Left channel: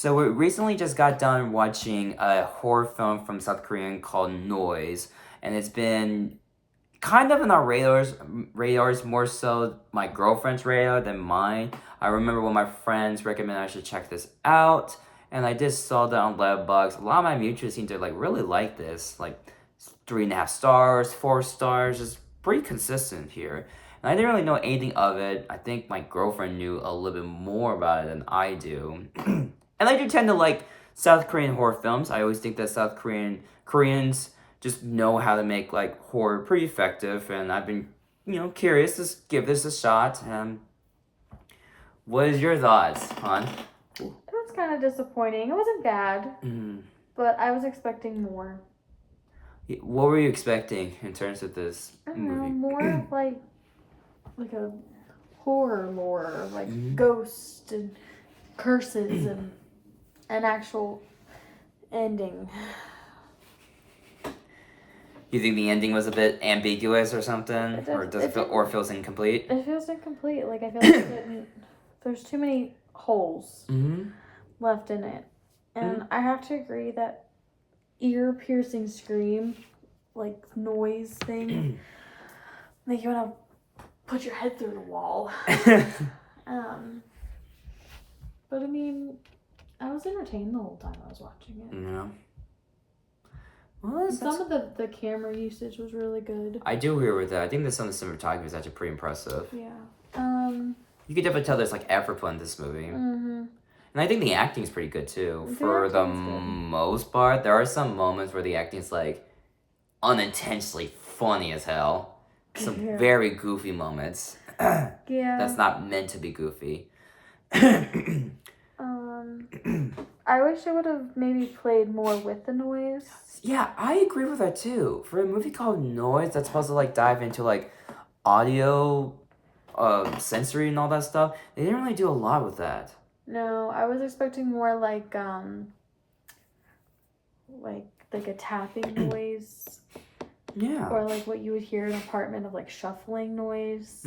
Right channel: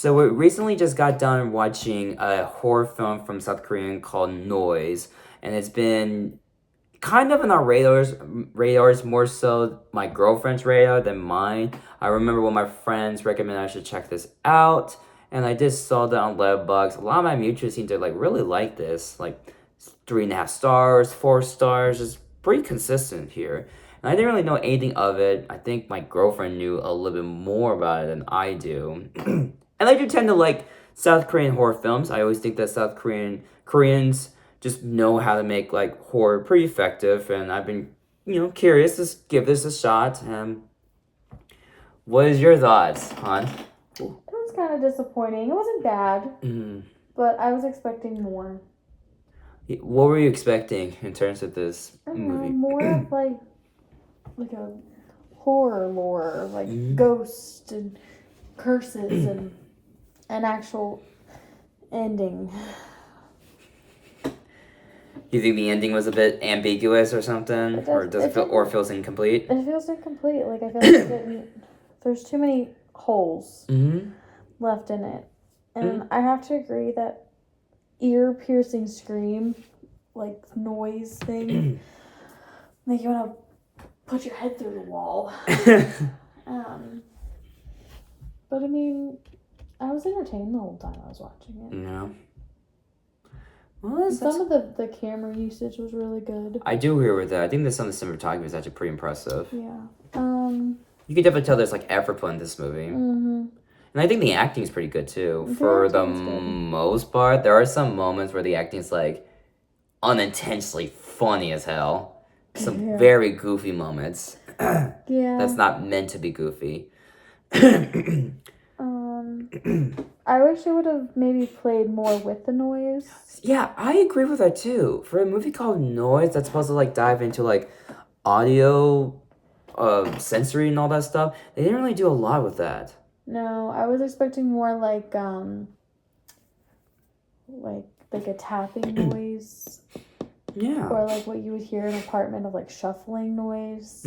So we recently just got done watching a horror film from South Korea called Noise, and it's been kind of in our radars more so my girlfriend's radar than mine. I remember when my friends recommended I should check this out, and I just saw that on Letterboxd. A lot of my mutuals seem to really like this, like 3.5 stars, 4 stars, is pretty consistent here. And I didn't really know anything of it. I think my girlfriend knew a little bit more about it than I do. And I do tend to like South Korean horror films. I always think that Koreans just know how to make like horror pretty effective, and I've been curious to give this a shot. What is your thoughts, Han? It was kind of disappointing. It wasn't bad, but I was expecting more. What were you expecting in terms of this movie? More of like a horror lore, like ghosts and curses and an actual ending. You think the ending was a bit ambiguous or something, or does it feel feels incomplete? It feels incomplete. Like I feel like there's too many holes left in it, and I have to agree that ear-piercing scream, like noise thing, make you want to put your head through the wall. But I mean, I was entertained the whole time I was watching it. Yeah. Well, some of the camera usage was really good. I do agree with that. I think that some of the cinematography is actually pretty impressive. Yeah. You can definitely tell there's like effort put in this movie. And I think the acting is pretty good too. For the most part, there are some moments where the acting is like unintentionally funny as hell. Some very goofy moments. Yeah. That's not meant to be goofy. I wish it would have maybe played more with the noise. Yeah, I agree with that too. For a movie called Noise that's supposed to like dive into like audio, sensory and all that stuff, they didn't really do a lot with that. No, I was expecting more like a tapping noise. Yeah. Or like what you would hear in an apartment of like shuffling noise.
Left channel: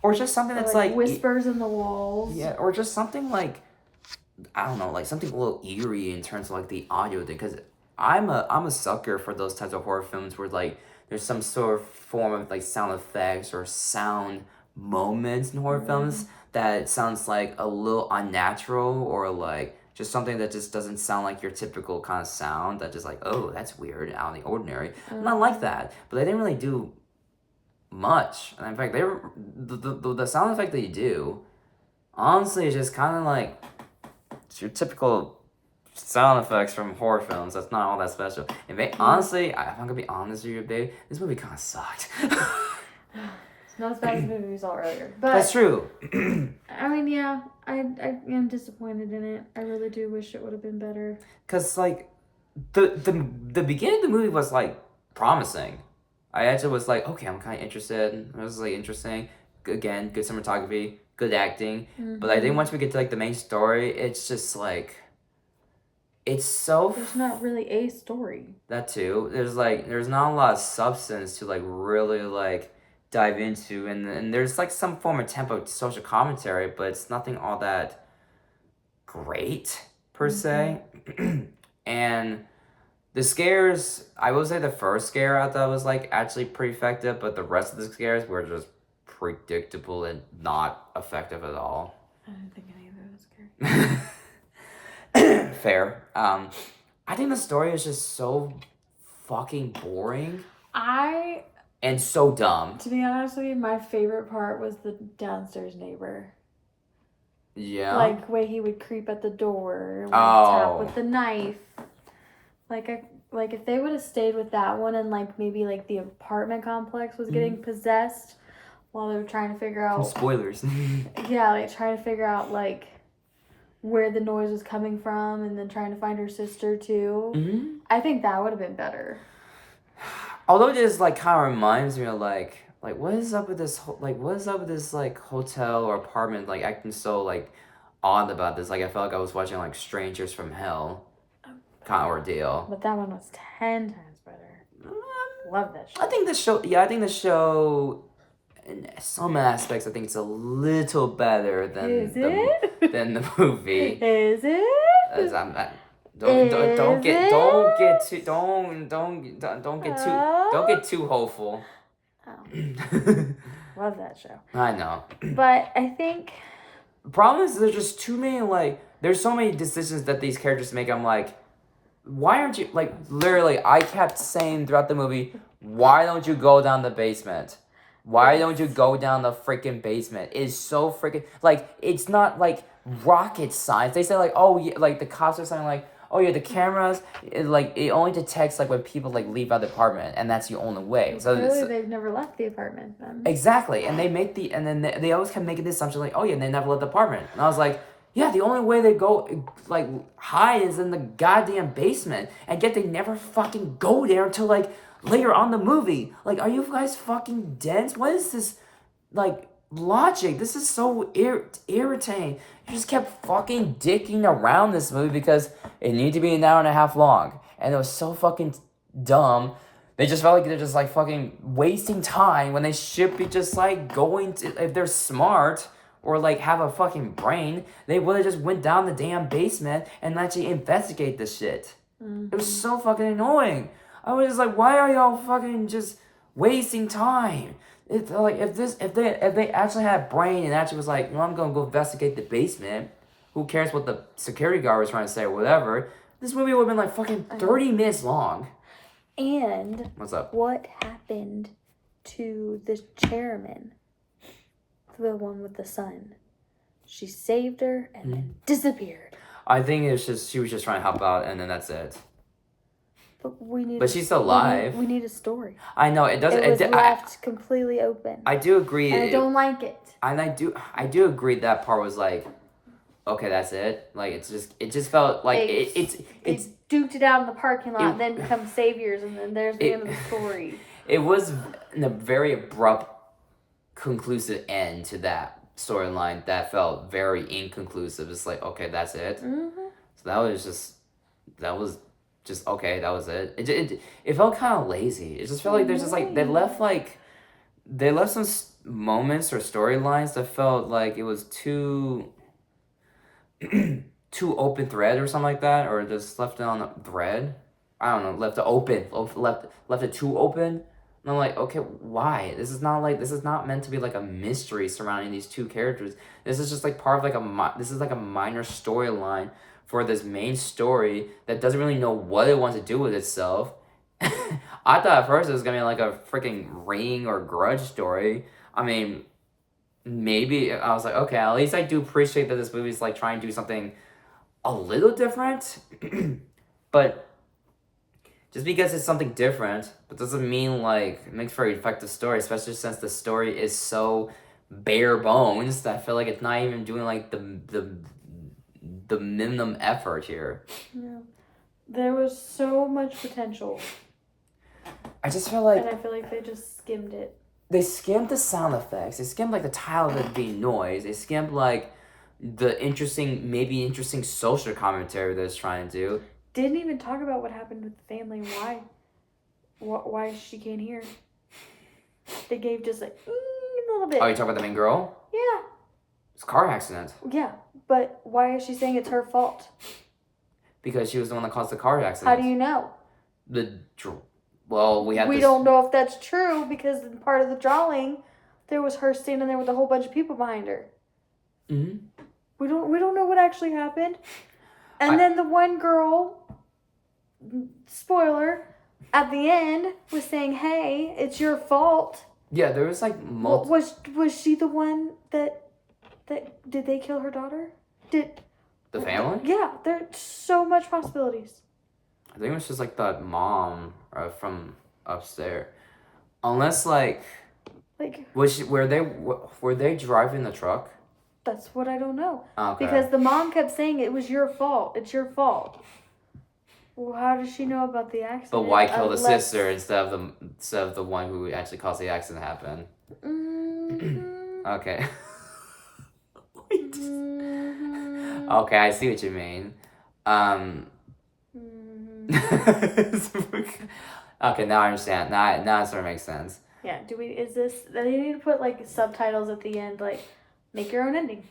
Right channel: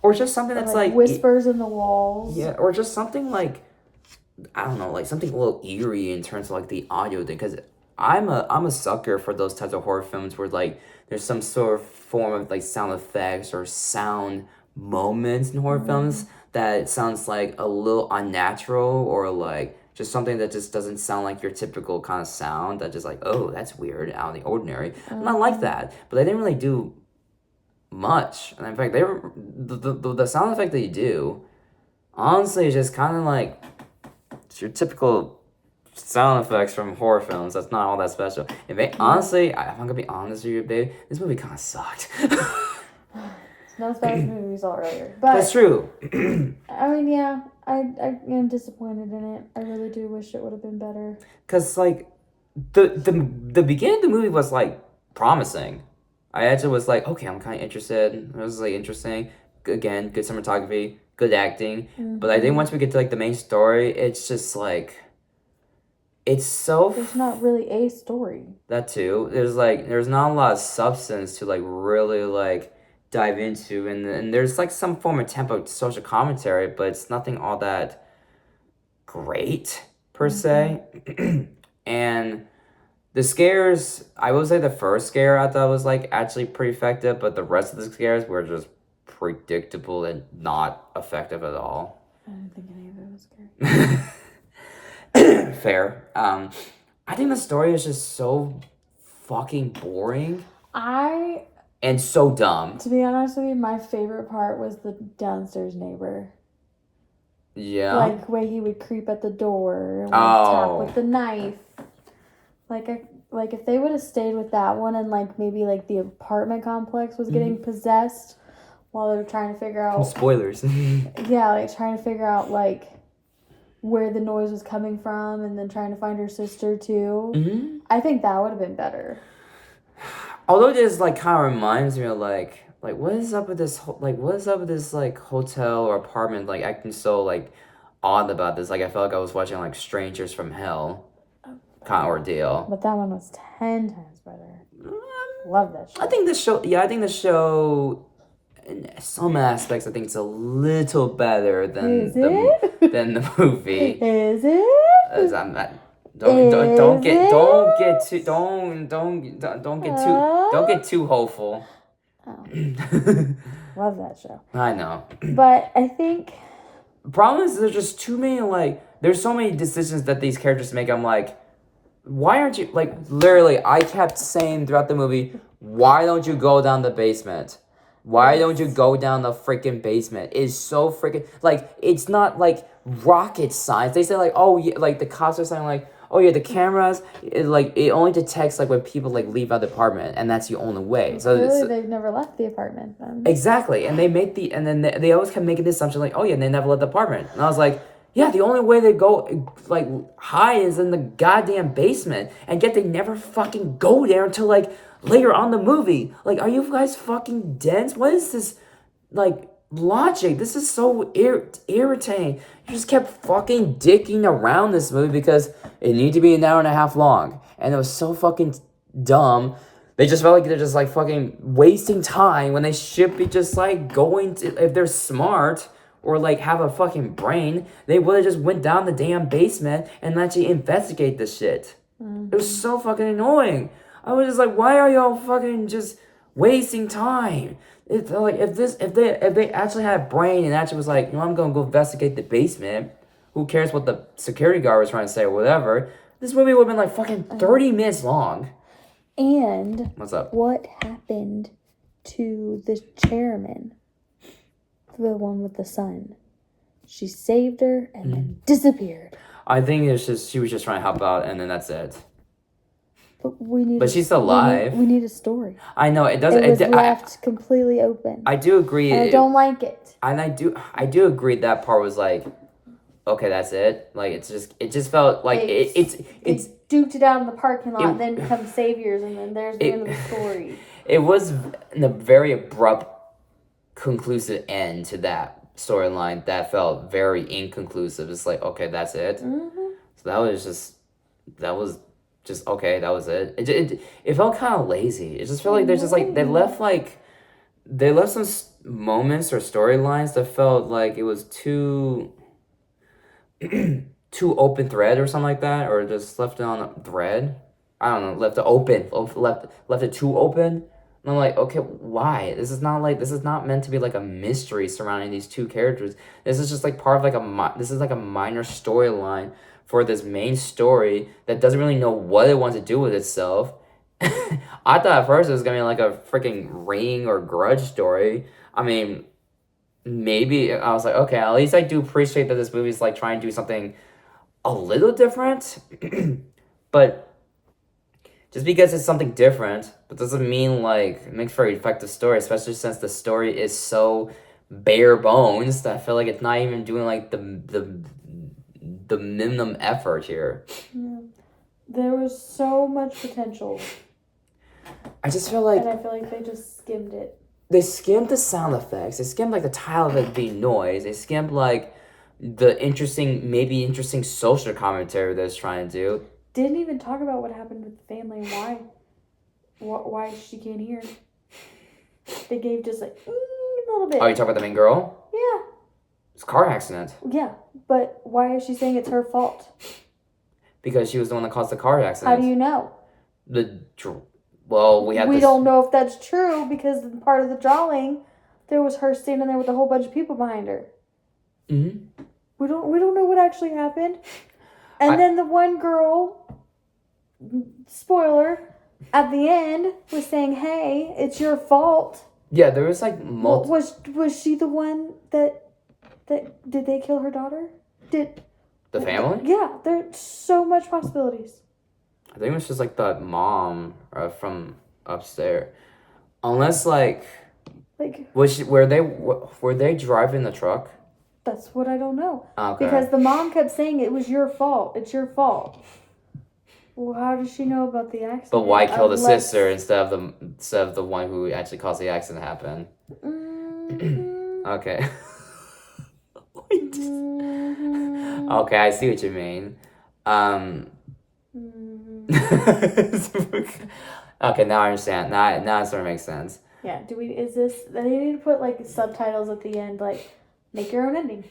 Or just something that's like whispers in the walls. Yeah, or just something like, I don't know, like something a little eerie in terms of like the audio thing, because I'm a sucker for those types of horror films where like there's some sort of form of like sound effects or sound moments in horror films that sounds like a little unnatural, or like just something that just doesn't sound like your typical kind of sound, that just like, oh, that's weird, out of the ordinary. And I like that, but they didn't really do much. And in fact, the sound effect that you do, honestly, is just kind of like your typical sound effects from horror films. That's not all that special. In fact, honestly, if I'm gonna be honest with you, babe, this movie kind of sucked. It's not as bad as the movie we saw earlier. But that's true. I mean, yeah, I am disappointed in it. I really do wish it would have been better. Cause like the beginning of the movie was like promising. I actually was like, okay, I'm kind of interested. It was like interesting. Again, good cinematography, good acting. But I think once we get to like the main story, it's just like, it's so. There's not really a story. That too. There's not a lot of substance to like really like dive into, and there's like some form of tempo social commentary, but it's nothing all that great per se. And the scares, I will say the first scare I thought was like actually pretty effective, but the rest of the scares were just predictable and not effective at all. I didn't think any of it was scary. Fair. I think the story is just so fucking boring. And so dumb. To be honest with you, my favorite part was the downstairs neighbor. Yeah. Like the way he would creep at the door, tap with the knife. Like if they would have stayed with that one, and like maybe like the apartment complex was getting possessed while they were trying to figure out spoilers. Yeah, like trying to figure out like where the noise was coming from, and then trying to find her sister too. I think that would have been better. Although this like kind of reminds me of like what is up with this like hotel or apartment like acting so like odd about this. Like I felt like I was watching like Strangers from Hell kind of ordeal. But that one was 10 times better. Love that show. I think the show in some aspects I think it's a little better than the movie. Is it? Don't get too hopeful. Love that show. I know. But I think the problem is there's just too many there's so many decisions that these characters make. I'm like, why aren't you literally? I kept saying throughout the movie, why don't you go down the basement? Why don't you go down the freaking basement? It's so freaking it's not rocket science. They say oh yeah, the cops are saying oh yeah, the cameras it only detects when people leave out the apartment, and that's the only way. So clearly they've never left the apartment then. Exactly, and then they always kept making the assumption oh yeah, they never left the apartment, and I was like, yeah, the only way they go hide is in the goddamn basement, and yet they never fucking go there until later on the movie. Are you guys fucking dense? What is this logic? This is so irritating. You just kept fucking dicking around this movie because it needed to be an hour and a half long, and it was so fucking dumb. They just felt like they're just fucking wasting time when they should be just going to, if they're smart or have a fucking brain, they would have just went down the damn basement and actually investigate this shit. It was so fucking annoying. I was just why are y'all fucking just wasting time? If they actually had a brain and actually was I'm gonna go investigate the basement, who cares what the security guard was trying to say or whatever, this movie would have been fucking 30 minutes long. And what's up? What happened to the chairman? The one with the son. She saved her and then disappeared. I think it's just she was just trying to help out, and then that's it. But she's still alive. We need a story. I know it doesn't. It was left completely open. I do agree. I don't like it. And I do agree that part was okay, that's it. It just felt it's duked it out in the parking lot and then become saviors, and then there's the end of the story. It was a very abrupt, conclusive end to that storyline that felt very inconclusive. It's okay, that's it. Mm-hmm. So that was just okay, that was it. It felt kind of lazy. It just felt like there's just they left some moments or storylines that felt it was too open thread or something like that, or just left it on a thread. I don't know, left it too open. And I'm okay, why? This is not meant to be a mystery surrounding these two characters. This is just part of this is a minor storyline for this main story that doesn't really know what it wants to do with itself. I thought at first it was gonna be a freaking Ring or Grudge story. I mean, maybe I was okay, at least I do appreciate that this movie's trying to do something a little different. But just because it's something different, but doesn't mean it makes for an effective story, especially since the story is so bare bones that I feel it's not even doing the minimum effort here. Yeah. There was so much potential. I just feel and I feel they just skimmed it. They skimmed the sound effects. They skimmed the title of it being noise. They skimmed the interesting social commentary that it's trying to do. Didn't even talk about what happened with the family and why she can't hear. They gave just a little bit. Oh, you talking about the main girl? Yeah. It's a car accident. Yeah, but why is she saying it's her fault? Because she was the one that caused the car accident. How do you know? We don't know if that's true because part of the drawing, there was her standing there with a whole bunch of people behind her. Mm-hmm. We don't know what actually happened. And then the one girl, spoiler, at the end was saying, "Hey, it's your fault." Yeah, there was Was she the one that did they kill her daughter? Did the family? Yeah, there's so much possibilities. I think it was just that mom from upstairs, unless were they driving the truck? That's what I don't know. Okay. Because the mom kept saying it was your fault. It's your fault. Well, how does she know about the accident? But why kill the sister instead of the one who actually caused the accident to happen? Okay. Okay, I see what you mean. Okay, now I understand. Now it sort of makes sense. Yeah. They need to put subtitles at the end, make your own ending.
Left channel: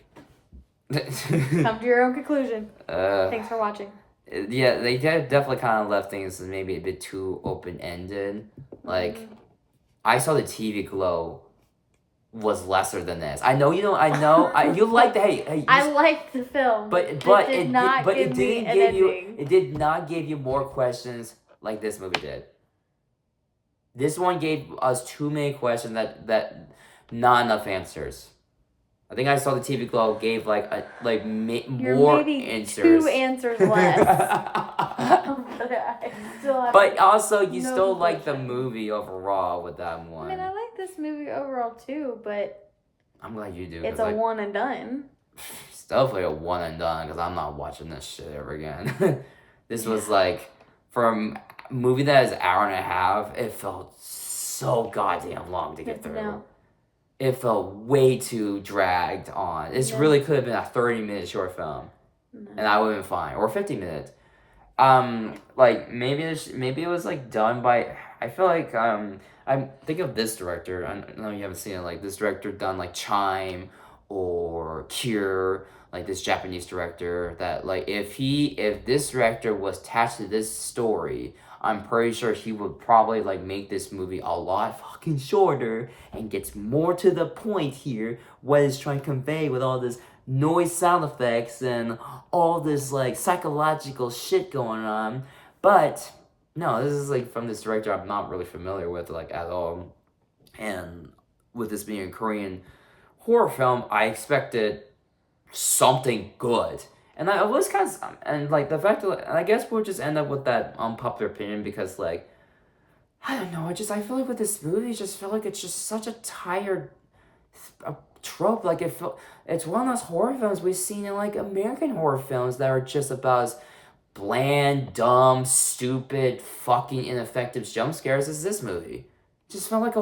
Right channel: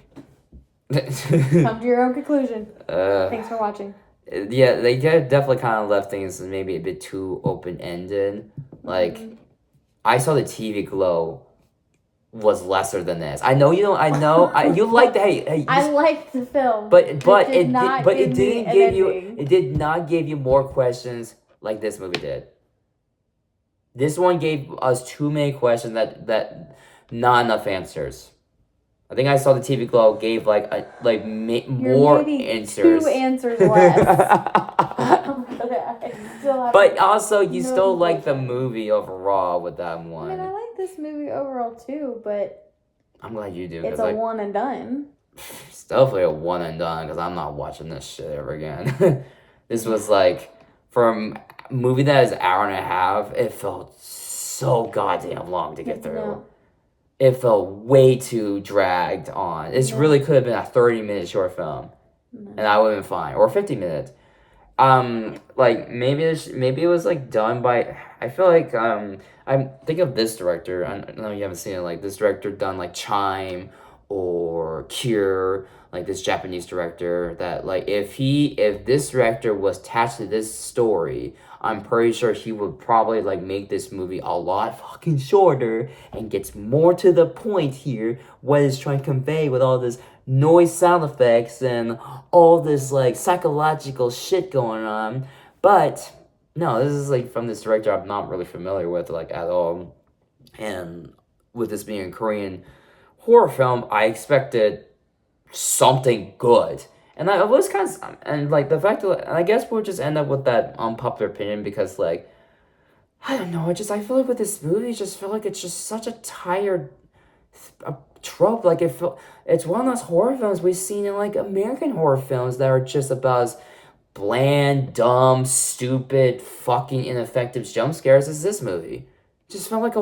Come to your own conclusion. Thanks for watching. Yeah, they definitely kind of left things maybe a bit too open-ended. Like, I saw the TV glow was lesser than this. I know you don't. I know. You liked. Hey. I liked the film, but it didn't give you. It did not give you more questions like this movie did. This one gave us too many questions that not enough answers. I think I saw the TV glow gave more answers. 2 answers less. But also, you still like the movie overall with that one. I mean, I like this movie overall too, but I'm glad you do. It's a one and done. It's definitely a one and done because I'm not watching this shit ever again. This was like, for a movie that is an hour and a half, it felt so goddamn long to get through. No. It felt way too dragged on. It really could have been a 30-minute short film, and I would have been fine, or 50 minutes. Like maybe it was like done by. I feel like I think of this director. I know you haven't seen it. Like this director done like Chime or Cure. Like this Japanese director that like if this director was attached to this story, I'm pretty sure he would probably like make this movie a lot fucking shorter and gets more to the point here. What it's trying to convey with all this noise sound effects and all this like psychological shit going on. But no, this is like from this director I'm not really familiar with like at all. And with this being a Korean horror film, I expected something good. And I was kind of, and like the fact that, I guess we'll just end up with that unpopular opinion because like, I don't know, I feel like with this movie, I just feel like it's just such a tired trope. Like it's one of those horror films we've seen in like American horror films that are just about as bland, dumb, stupid, fucking ineffective jump scares as this movie. It just felt like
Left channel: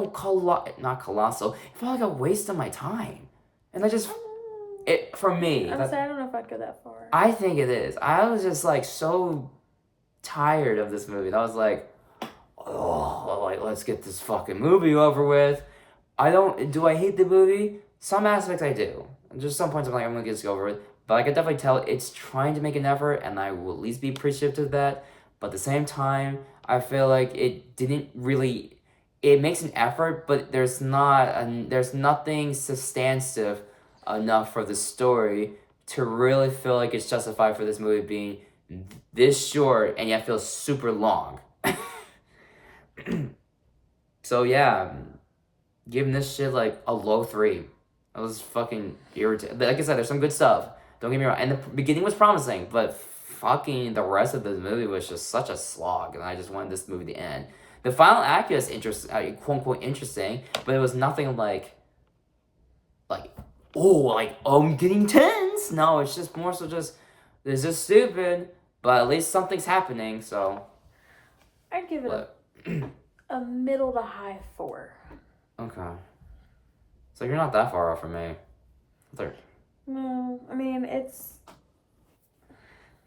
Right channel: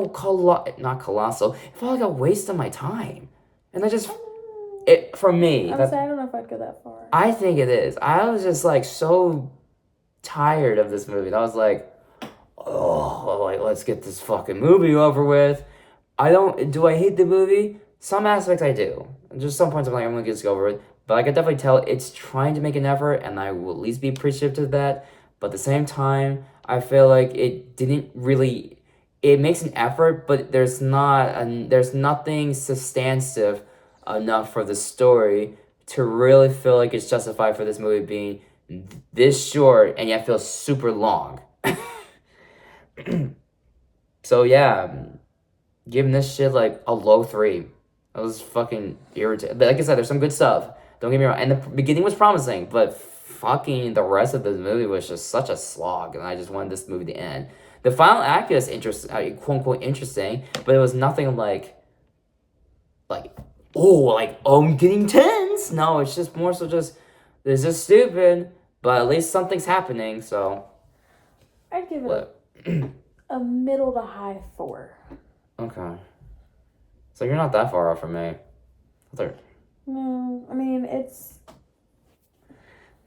not colossal, it felt like a waste of my time. And for me, I don't know if I'd go that far. I think it is. I was just like so tired of this movie. I was like, oh, like let's get this fucking movie over with. Do I hate the movie? Some aspects I do. Just some points I'm like, I'm gonna just go over it. But I can definitely tell it's trying to make an effort, and I will at least be appreciative of that. But at the same time, I feel like it didn't really. It makes an effort, but there's nothing substantive enough for the story to really feel like it's justified for this movie being this short and yet feels super long. So yeah, giving this shit like a low 3. I was fucking irritated. Like I said, there's some good stuff. Don't get me wrong. And the beginning was promising, but fucking the rest of this movie was just such a slog, and I just wanted this movie to end. The final act is interesting, quote unquote interesting, but it was nothing like, I'm getting tense. No, it's just more so just, this is stupid, but at least something's happening, so. I'd give it a middle to high 4. Okay. So you're not that far off from me. No, I mean, it's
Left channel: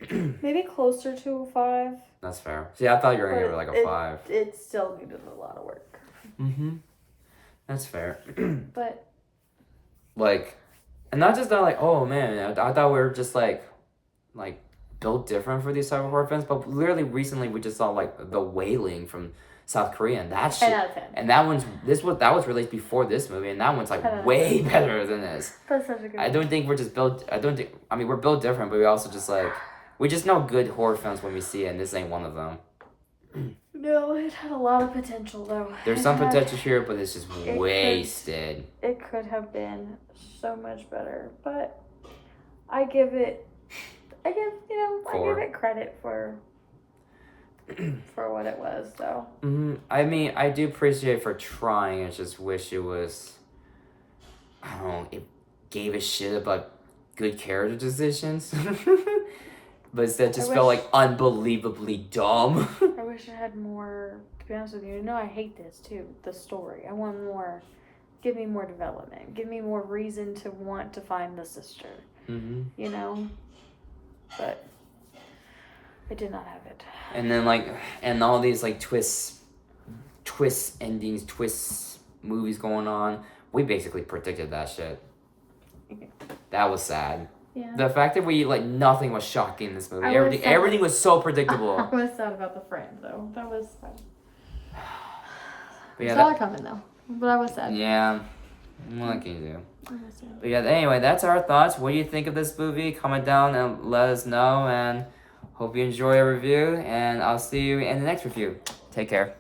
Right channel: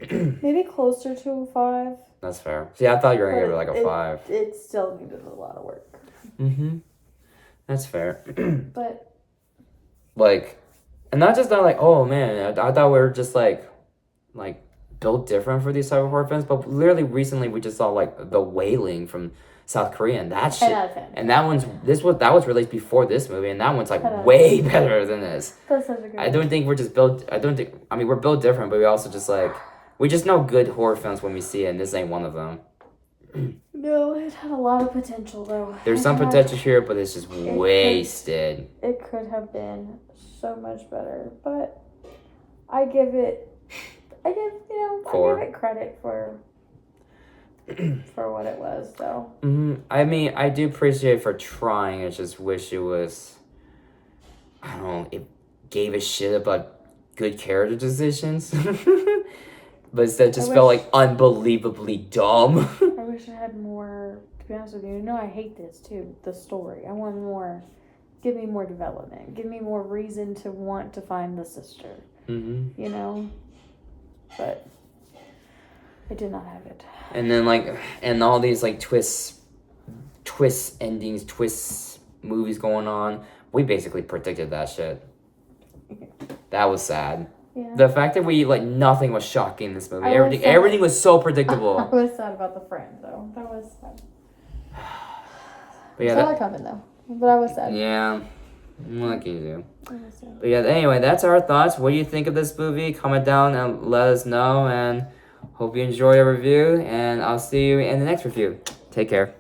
maybe closer to a 5. That's fair. See, I thought you were going to give it like a 5. It still needed a lot of work. Mm-hmm. That's fair. But. Like, and not just that, like, oh man, I thought we were just like built different for these type of horror films, but literally recently we just saw like The Wailing from South Korea, and that shit, and that was released before this movie, and that one's like way better than this. That's such a good I don't think we're just built. I mean, we're built different, but we also just like we just know good horror films when we see it, and this ain't one of them. No, it had a lot of potential though. There's some potential here, but it's just wasted. It could have been so much better, but I give it credit for what it was, though. I mean, I do appreciate it for trying. I just wish it was, I don't know, it gave a shit about good character decisions. But instead it just felt like unbelievably dumb. I wish it had more, to be honest with you. I hate this too, the story. I want more. Give me more development. Give me more reason to want to find the sister. Mm-hmm. You know? But it did not have it. And then and all these twist endings, twist movies going on. We basically predicted that shit. That was sad. Yeah. The fact that nothing was shocking in this movie. I was sad. Everything was so predictable. I was sad about the friend though. That was sad. But yeah, I saw it coming though. But I was sad. Yeah. What can you do? I was sad. But yeah, anyway, that's our thoughts. What do you think of this movie? Comment down and let us know. And hope you enjoy our review. And I'll see you in the next review. Take care.